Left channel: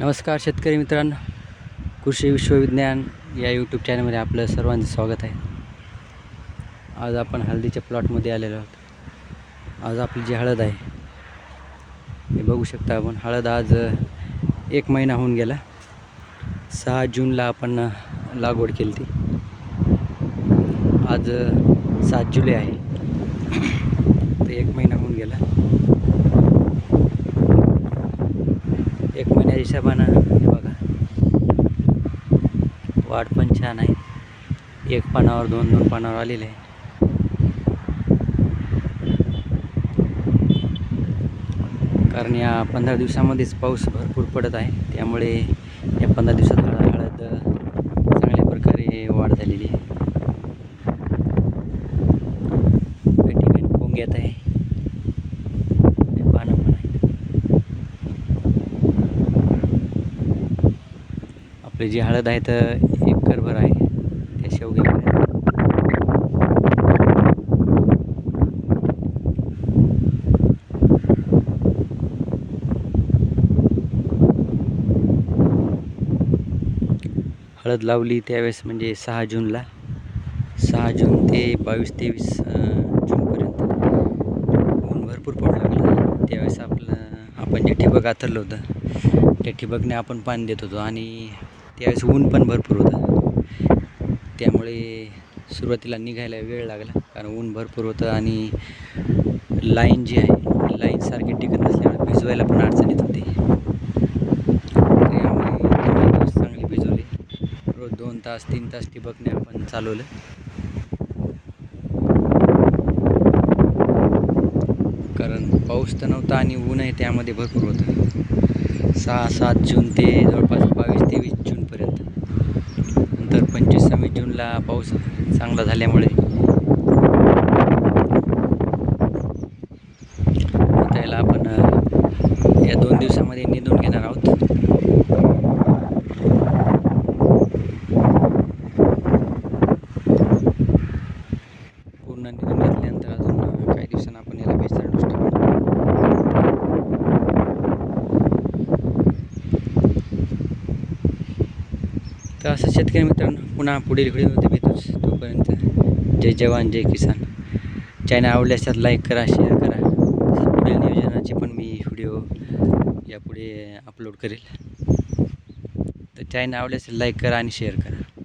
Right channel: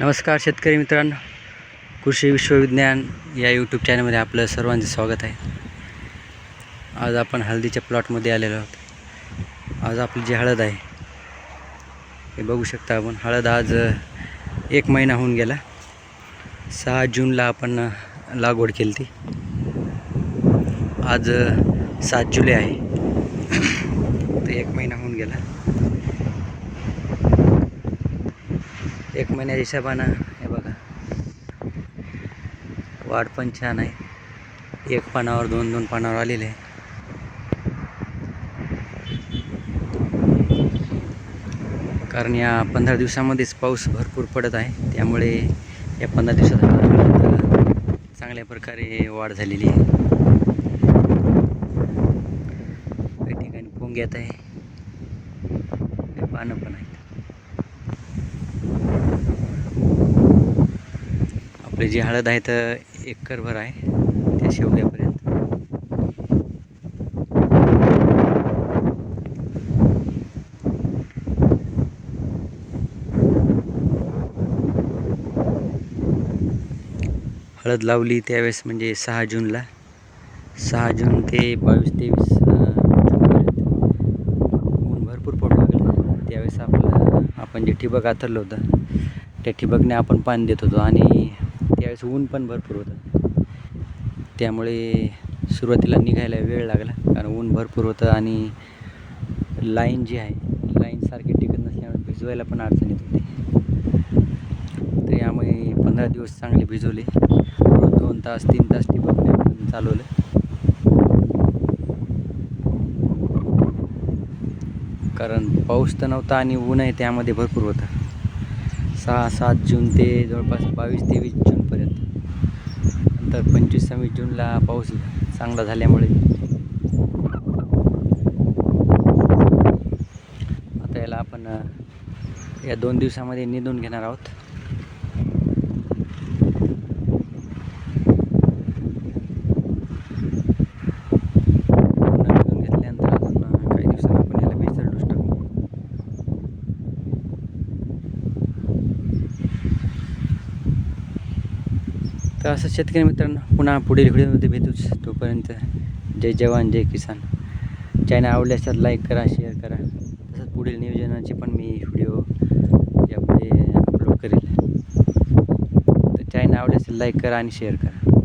नमस्कार शेतकरी मित्रांनो, कृषी विश्वविज्ञान या यूट्यूब चॅनलमध्ये आपलं सर्वांचे स्वागत आहे. आज आपण हळदीच्या प्लॉटमध्ये आलेलो आहोत. आज आपली जी हळद आहे हे बघू शकता आपण. हळद आज 1 महिना होऊन गेला. 6 जूनला आपण लागवड केली ती. आज 7 जुलै आहे. तर 1 महिना होऊन गेला. 1 महिन्याच्या हिशोबानं हे बघा, वाढ पण छान आहे. 1 पानावर 2 पानावर आलेले आहे. कारण या 15 दिवसामध्येच पाऊस भरपूर पडत आहे, त्यामुळे या 15 दिवसात हळद चांगल्या प्रकारे वाढ झालेली आहे. काही ठिकाणी पोंग्यात आहे, पानं पण आहे. आपली जी हळद आहे तर 1 एकरभर आहे त्या शेवग्यापर्यंत. हळद लावली त्यावेळेस म्हणजे 6 जूनला. 6 जून ते 22-23 जूनपर्यंत ऊन भरपूर पडू लागलं. त्यावेळेस आपण जे ठिबक आथरलं होतं त्या ठिबकने आपण पाणी देत होतो आणि त्यावेळेस ऊन पण भरपूर होतं. त्यामुळे सुरुवातीला निघायला वेळ लागला, कारण ऊन भरपूर होतं आणि लाईन जी आहे लाईन सारखी टिकत नसल्यामुळे भिजवायला पण अडचण येत होती. त्यामुळे 15 दिवस चांगले भिजवले. 2 तास 3 तास ठिबकने आपण चालवलं. कारण पाऊस तर नव्हता आणि ऊन आहे त्यामध्ये भरपूर होतं. 6-7 जून ते जवळपास 22-23 जूनपर्यंत. नंतर 25-26 जूनला पाऊस चांगला झाल्यामुळे आता याला आपण या 2 दिवसामध्ये निंदून घेणार आहोत. पूर्ण निंदून घेतल्यानंतर अजून काही दिवसांनी आपण याला बेसर डोस टाकू. तर असं शेतकरी मित्रांनो, पुन्हा पुढील व्हिडिओमध्ये भेटूच. तोपर्यंत जय जवान जय किसान. चॅनल आवडल्यास त्यात लाईक करा, शेअर करा. तसंच पुढील नियोजनाचे पण मी व्हिडिओ यापुढे अपलोड करेल. तर चॅनल आवडल्यास लाईक करा आणि शेअर करा.